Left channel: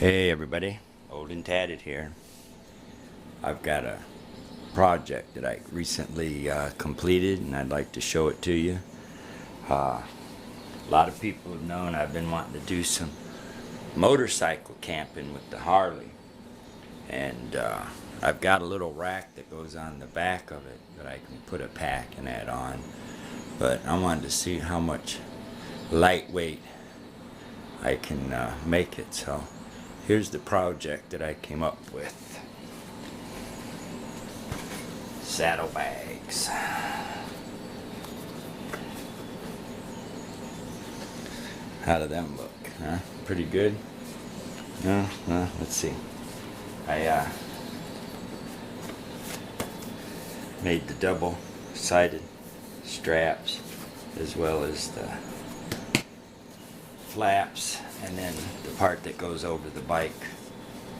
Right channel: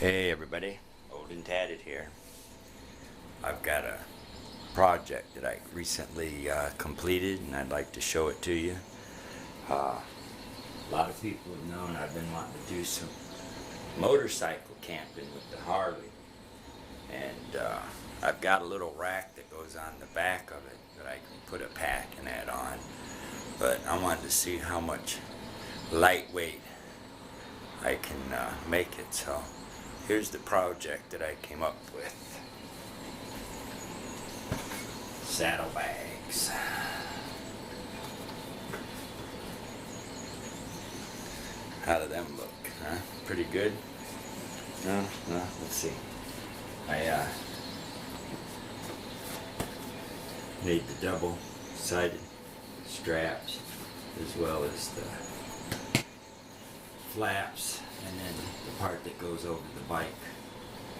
Hey everybody, Old and Tatted here. I've got a project that I recently completed and I'd like to show it to you. A lot of people have known I've been wanting to do some motorcycle camping with the Harley, and I've got a little rack that goes on the back of it that I can put a pack and add on, but I wanted to see how much lightweight I can make it. So here's the project that I came up with. Saddlebags. How do them look? Huh? Pretty good? No? Let's see. I made the double-sided straps as well as the flaps, and then the part that goes over the bike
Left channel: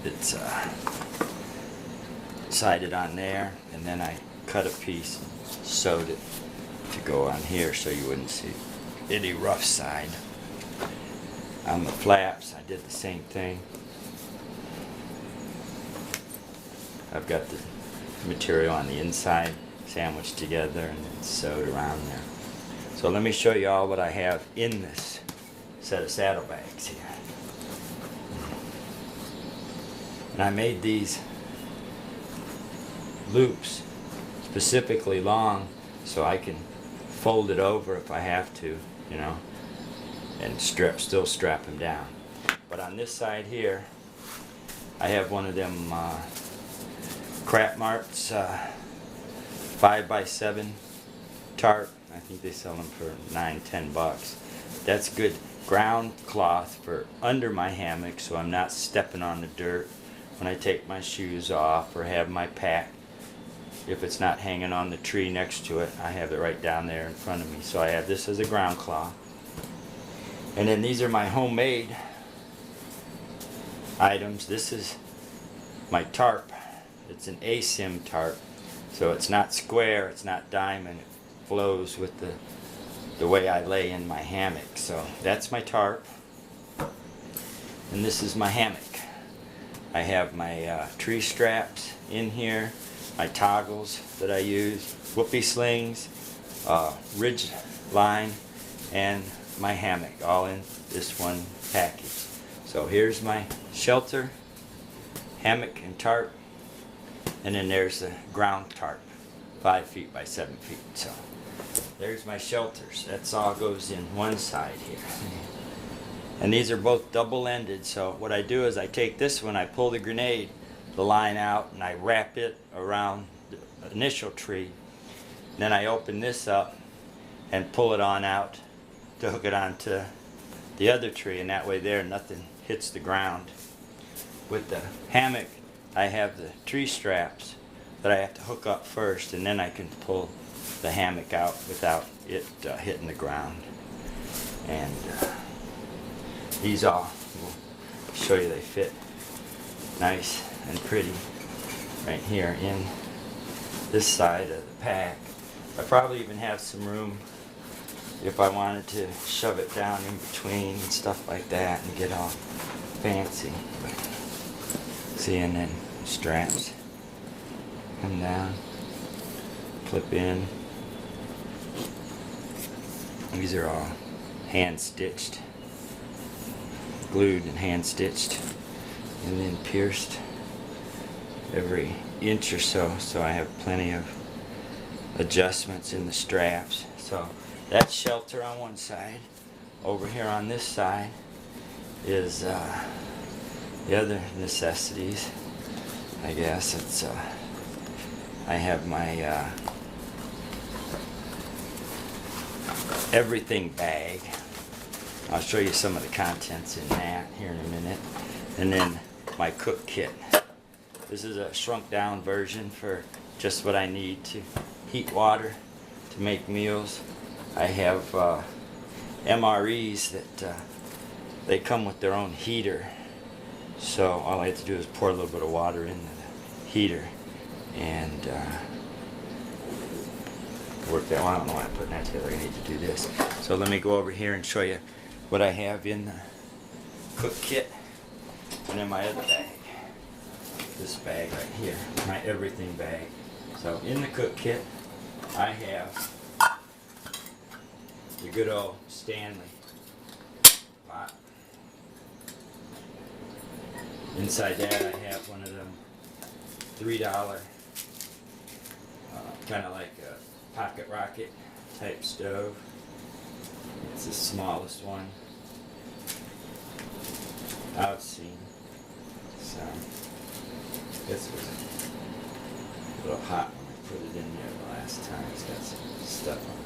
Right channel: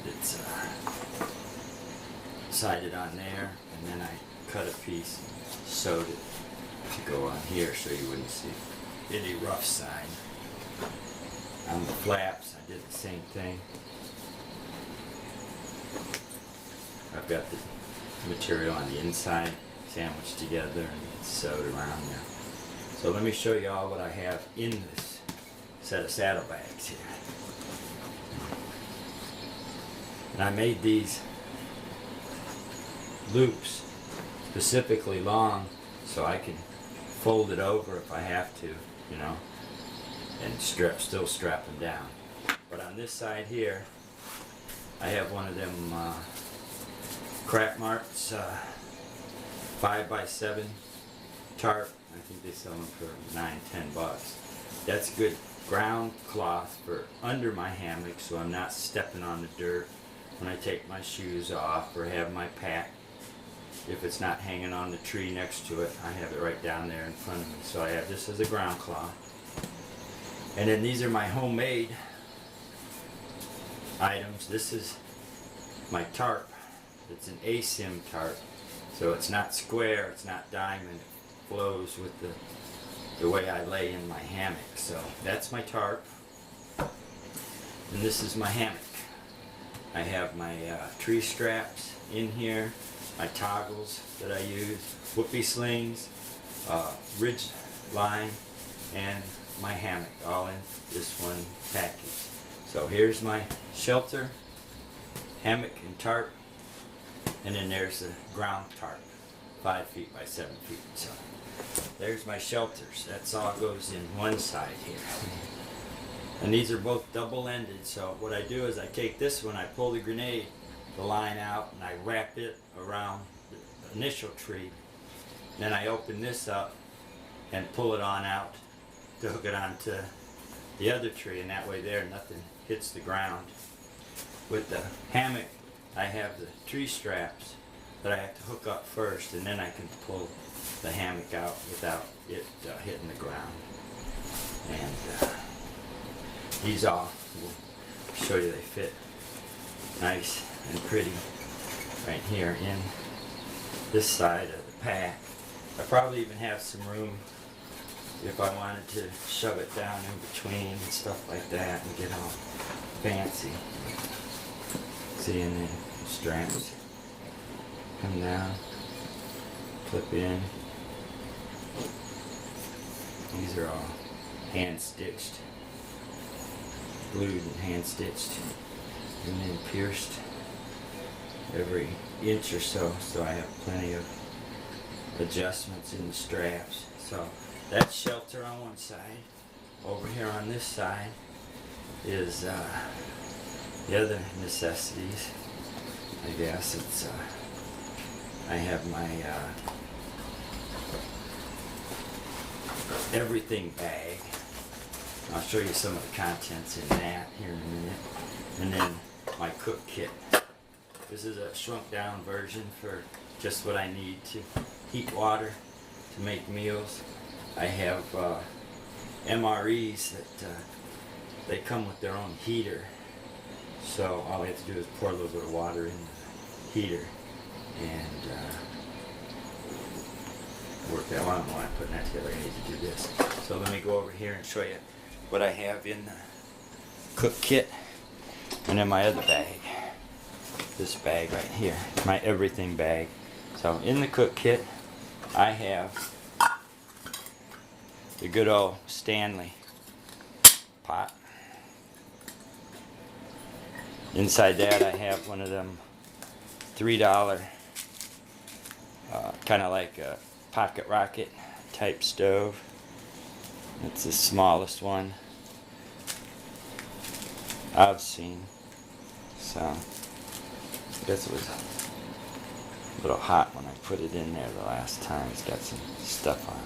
that's sided on there, and then I cut a piece and sewed it to go on here so you wouldn't see any rough side. On the flaps I did the same thing. I've got the material on the inside sandwiched together and then sewed around there. So let me show you all what I have in this set of saddlebags here. And I made these loops specifically long so I can fold it over if I have to, you know, and still strap them down. But on this side here I have one of them Crap Marts 5x7 tarp. I think they sell them for $9-10. That's good ground cloth for under my hammock so I'm not stepping on the dirt when I take my shoes off or have my pack. If it's not hanging on the tree next to it, I have it right down there in front of me. So I have this as a ground cloth. And then these are my homemade items. This is my tarp. It's an ASIM tarp. So it's not square, it's not diamond. It flows with the way I lay in my hammock. So that's my tarp. And this is my hammock. I have my tree straps in here, my toggles that I use, whoopee slings, ridge line, and my hammock, all in this one package. So here's my shelter, hammock and tarp, and then there's the ground tarp, 5 feet by 7 feet. So there's my shelters. That's all goes in one side here. And these are both double-ended, so what I do is I take this one, I pull the grenade, the line out, and I wrap it around the initial tree. Then I open this up and pull it on out to hook it onto the other tree, and that way there nothing hits the ground. With the hammock I have the tree straps that I have to hook up first, and then I can pull the hammock out without it hitting the ground. And these all will show you they fit nice and pretty right here in this side of the pack. I probably even have some room if I wanted to shove it down in between and stuff like that and get all fancy. See, and then straps come down, clip in. These are all hand stitched, glued and hand stitched, and then pierced every inch or so, so I have plenty of adjustments in the straps. So that's shelter on one side. Over here on this side is the other necessities. I guess it's I have my everything bag. I'll show you some of the contents in that here in a minute. And then my cook kit. This is a shrunk down version for just what I need to heat water to make meals. I have MREs that they come with their own heater. So all I have to do is pour a little bit of water into the heater and work that. Well, I don't know why I'm putting that together. I need to do this. So let me go over here and show you what I have in the cook kit. And then my other bag, this bag right here, my everything bag. So in the cook kit, I have the good old Stanley pot. Inside that I have one of them $3, kind of like a pocket rocket type stove. It's the smallest one I've seen. So, I guess it was a little hot when I put it in there the last time. It's got some stuff on it.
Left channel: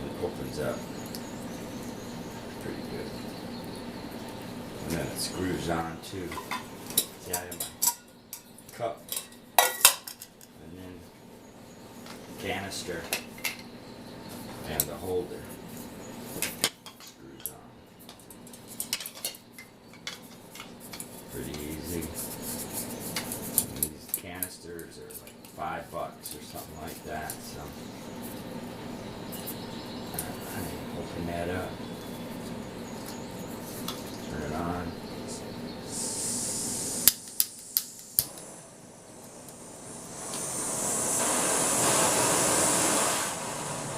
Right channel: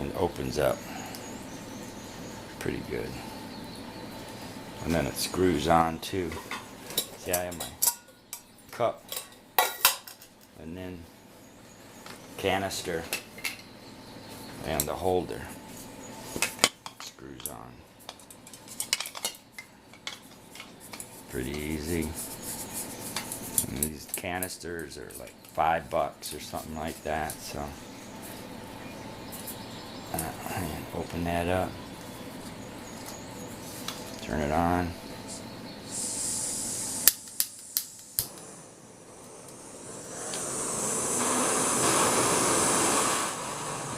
And it opens up pretty good. And then it screws on too. See, I have my cup and then canister and the holder screws on. Pretty easy. And these canisters are like $5 or something like that. So open that up, turn it on.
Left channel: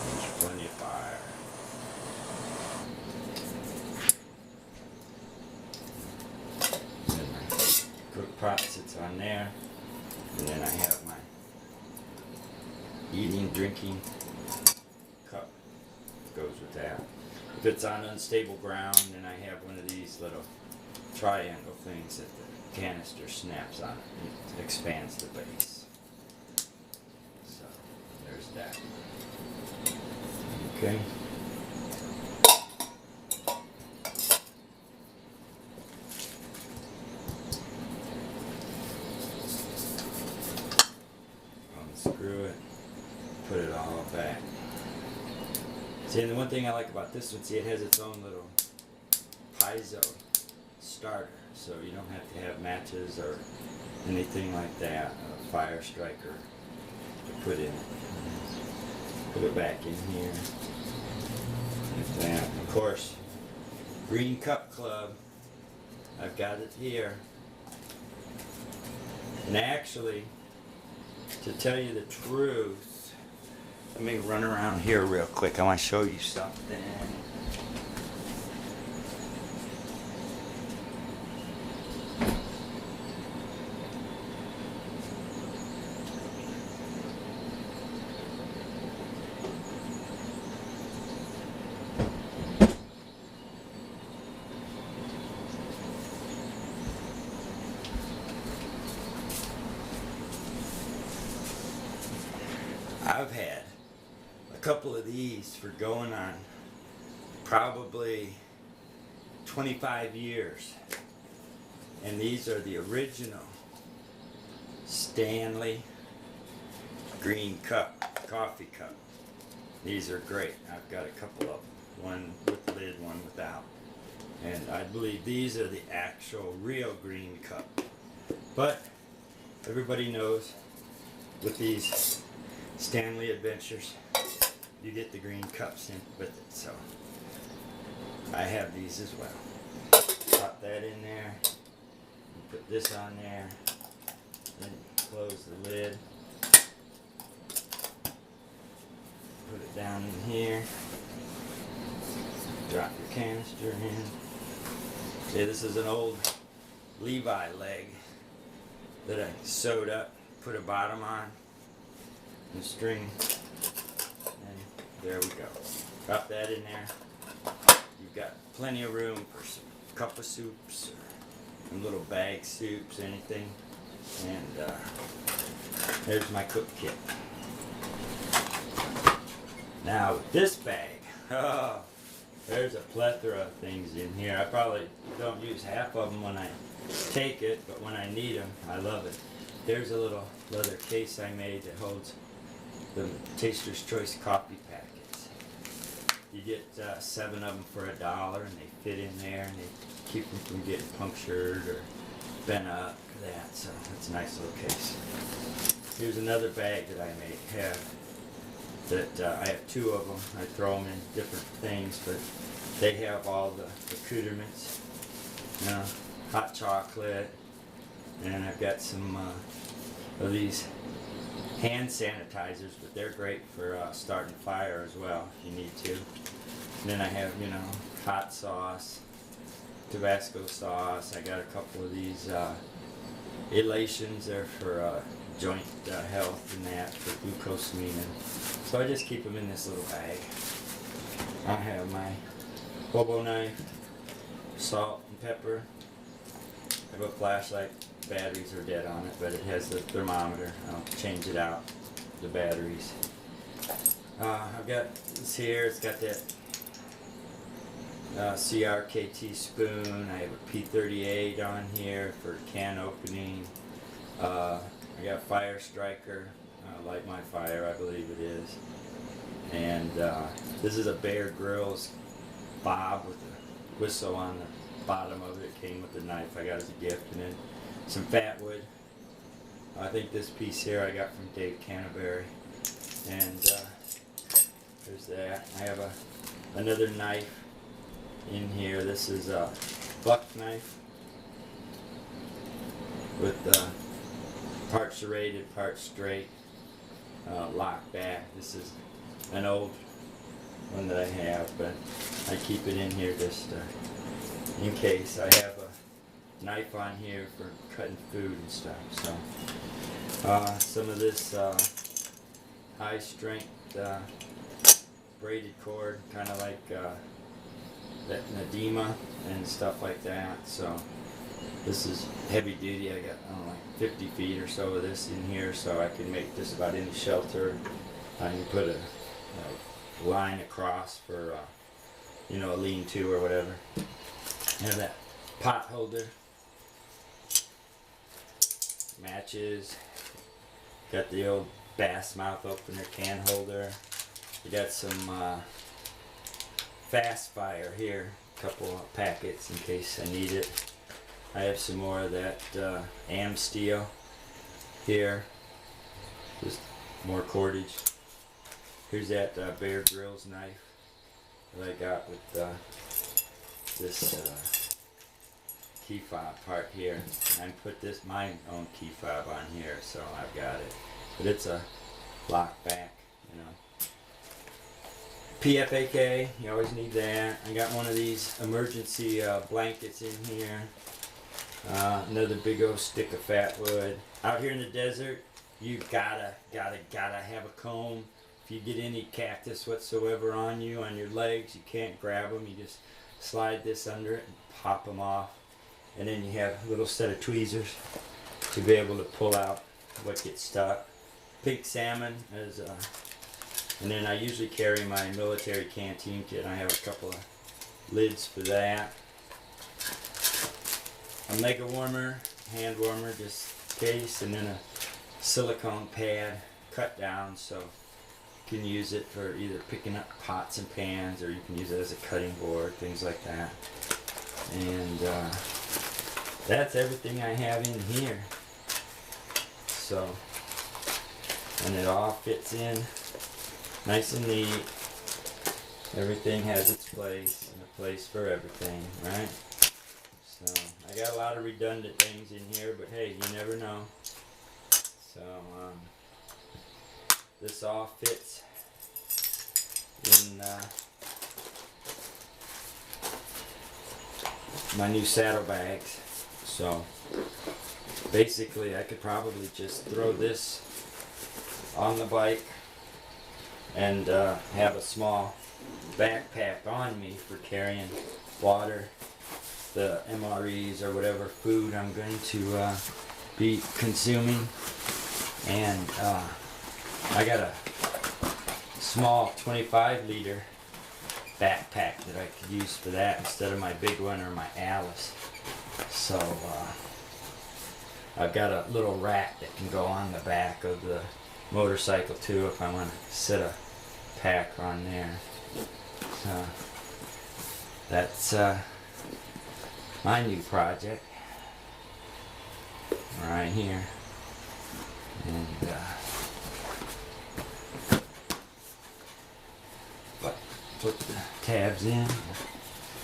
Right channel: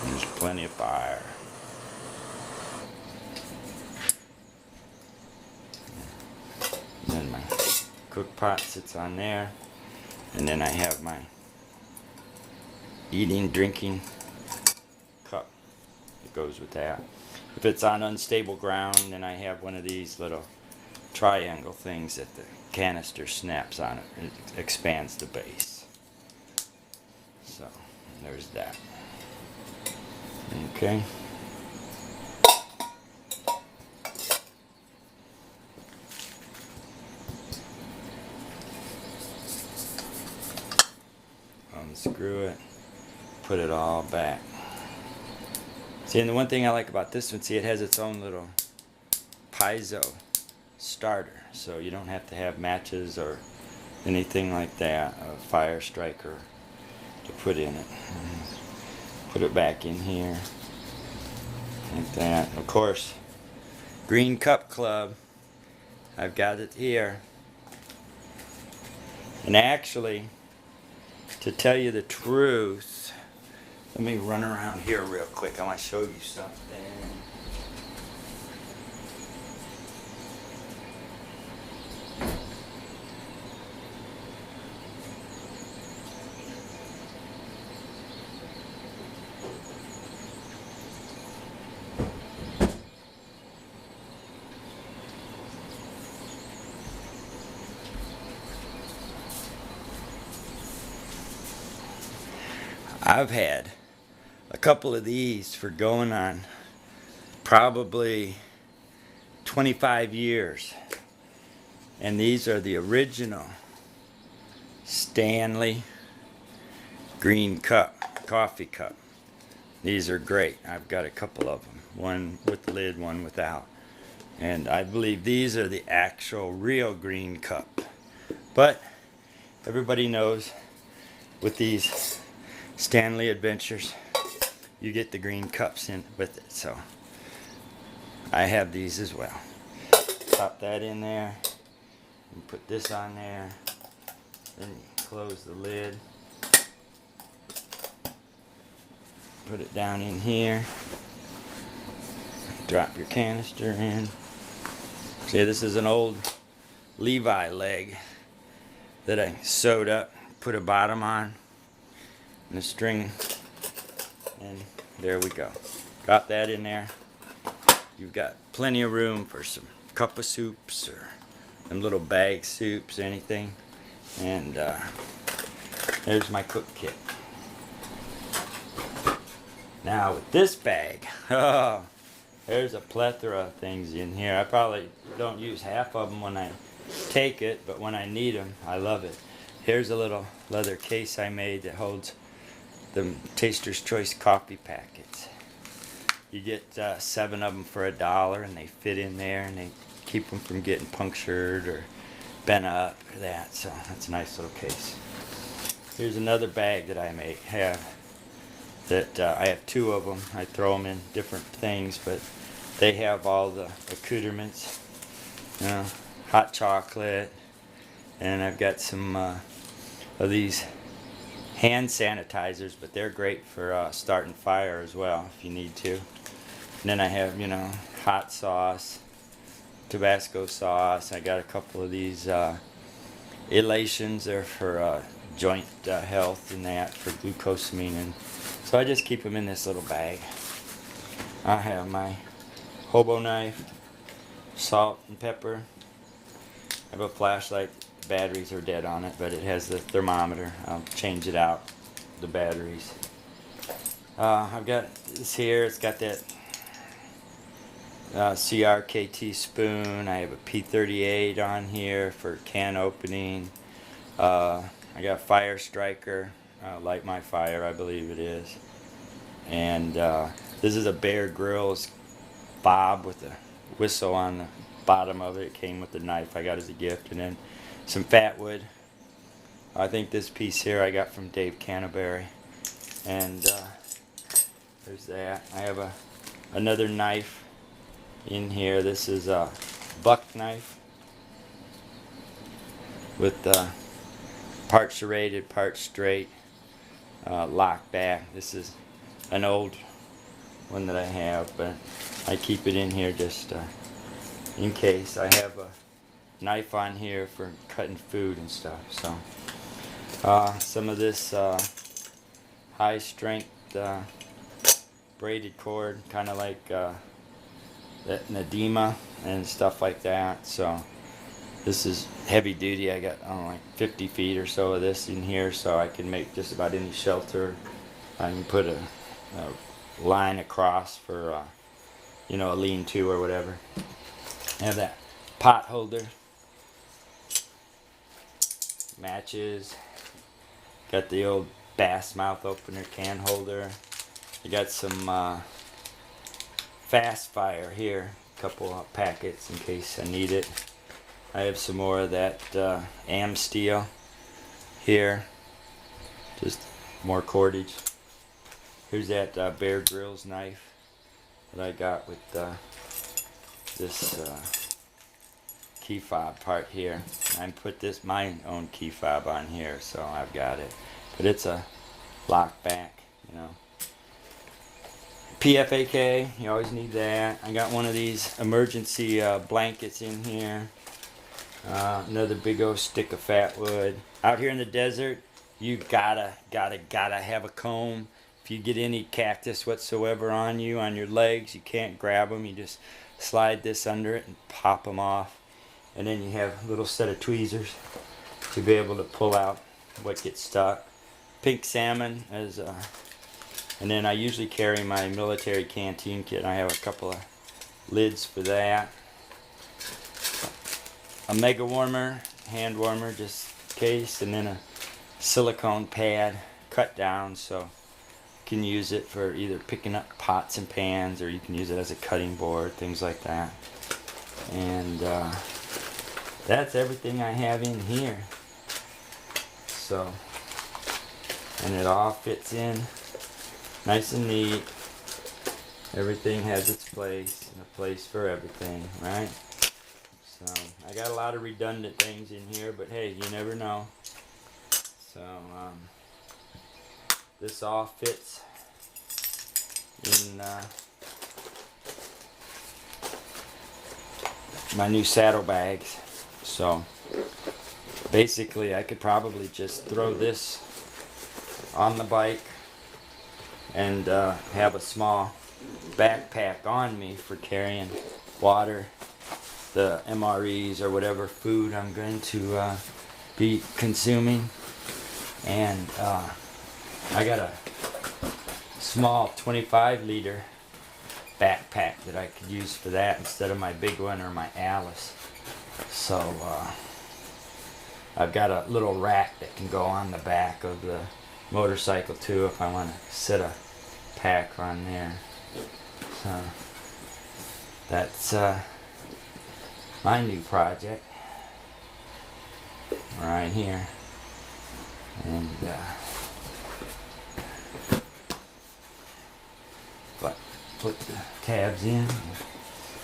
There's plenty of fire. And then my cook pot sits on there. And then I have my eating, drinking cup that goes with that. If it's on unstable ground, then I have one of these little triangle things that the canister snaps on it. It expands the base. So, there's that. Okay. Unscrew it, put it all back. See, and the one thing I like about this one, see, it has its own little piezo starter, so you don't have to have matches or anything like that, a fire striker to put in it. Put it back in here, like that. Of course, Green Cup Club, I've got it here. And actually, to tell you the truth, let me run around here real quick. I want to show you something. I've had a couple of these for going on probably 25 years. And these are the original Stanley Green Cup, coffee cup. These are great. I've got a couple of them. One with the lid, one without. And I believe these are the actual real Green Cup. But everybody knows with these Stanley Adventures, you get the green cups in with it. So I have these as well. Pop that in there. You put this on there. Then you close the lid. Put it down in here. Drop your canister in. See, this is an old Levi leg that I sewed up, put a bottom on, and a string, and there we go. Drop that in there. You've got plenty of room for some cup of soups or some little bag soups, anything. And there's my cook kit. Now with this bag, oh, there's a plethora of things in here. I probably don't use half of them when I take it, but when I need them, I love it. Here's a little leather case I made that holds the Taster's Choice coffee packets. You get 7 of them for $1, and they fit in there, and they keep them from getting punctured or bent up or that. So that's a nice little case. Here's another bag that I have. That I have 2 of them. I throw them in different things, but they have all the accoutrements, you know, hot chocolate, and I've got some of these hand sanitizers, but they're great for starting fire as well if you need to. And then I have, you know, hot sauce, Tabasco sauce. I got a couple of these elations. They're for joint health and that, for glucosamine. And so I just keep them in this little bag. I have my hobo knife, salt and pepper. I have a flashlight. Batteries are dead on it, but it has the thermometer. I'll change it out, the batteries. I've got this here. It's got that CRKT spoon. I have a P38 on here for can opening. I got Fire Striker, Light My Fire, I believe it is. And this is a Bear Grylls bob with a whistle on the bottom of it. It came with the knife I got as a gift. And then some fat wood. I think this piece here I got from Dave Canterbury. And there's that. I have another knife in here. This is a buck knife with part serrated, part straight, lock back. This is an old one that I have, but I keep it in here just in case. I have a knife on here for cutting food and stuff. So some of this high strength braided cord, kind of like that Nadima and stuff like that. So this is heavy duty. I got, I don't know, like 50 feet or so of this in here, so I can make just about any shelter. I can put a line across for you know, a lean-to or whatever. I have that pot holder, matches, got the old bass mouth opener can holder. I got some fast fire here, a couple of packets in case I need it. I have some more of that Am Steel here, just more cordage. Here's that Bear Grylls knife that I got with this key fob part here. I put this, my own key fob on here, so I've got it. But it's a lock back, you know. PFAK, you always need that. I got one of these emergency blankets in here. Another big old stick of fat wood. Out here in the desert, you gotta have a comb. If you get any cactus whatsoever on you, on your legs, you can't grab them. You just slide this under it and pop them off. And then you have a little set of tweezers to be able to pull out what gets stuck. Pink salmon is, and then I usually carry my military canteen kit. I have a couple of lids for that. A mega warmer, hand warmer just in case, and then a silicone pad cut down so you can use it for either picking up pots and pans, or you can use it as a cutting board, things like that. And that's everything I have in here. So, and it all fits in nice and neat. Everything has its place, and a place for everything, right? So I got a lot of redundant things in here, but hey, you never know. So this all fits in my new saddlebags. So basically I could probably just throw this on the bike and have a small backpack on me for carrying water, the MREs or whatever food I'm going to be consuming. And I got a small 25-liter backpack that I could use for that instead of my big one or my Alice. So I've got a little rack that can go on the back of the motorcycle too if I want to set a pack on there. So that's my new project right here. And but put the tabs in.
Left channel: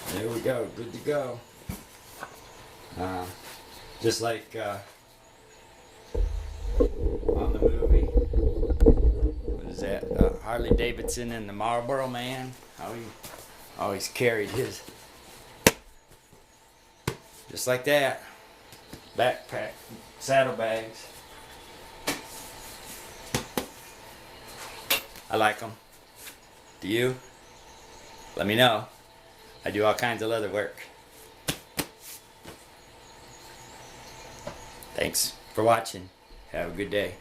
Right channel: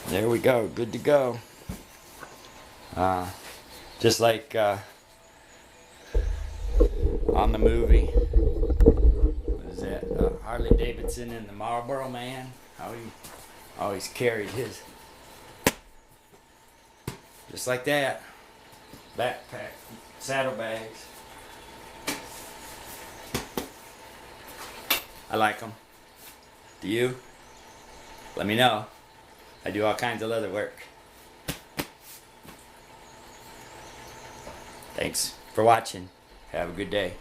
There we go, good to go. Just like on the movie, what is that? Harley Davidson and the Marlboro Man. How he always carried his, just like that, backpack, saddlebags. I like them. Do you? Let me know. I do all kinds of leather work. Thanks for watching. Have a good day.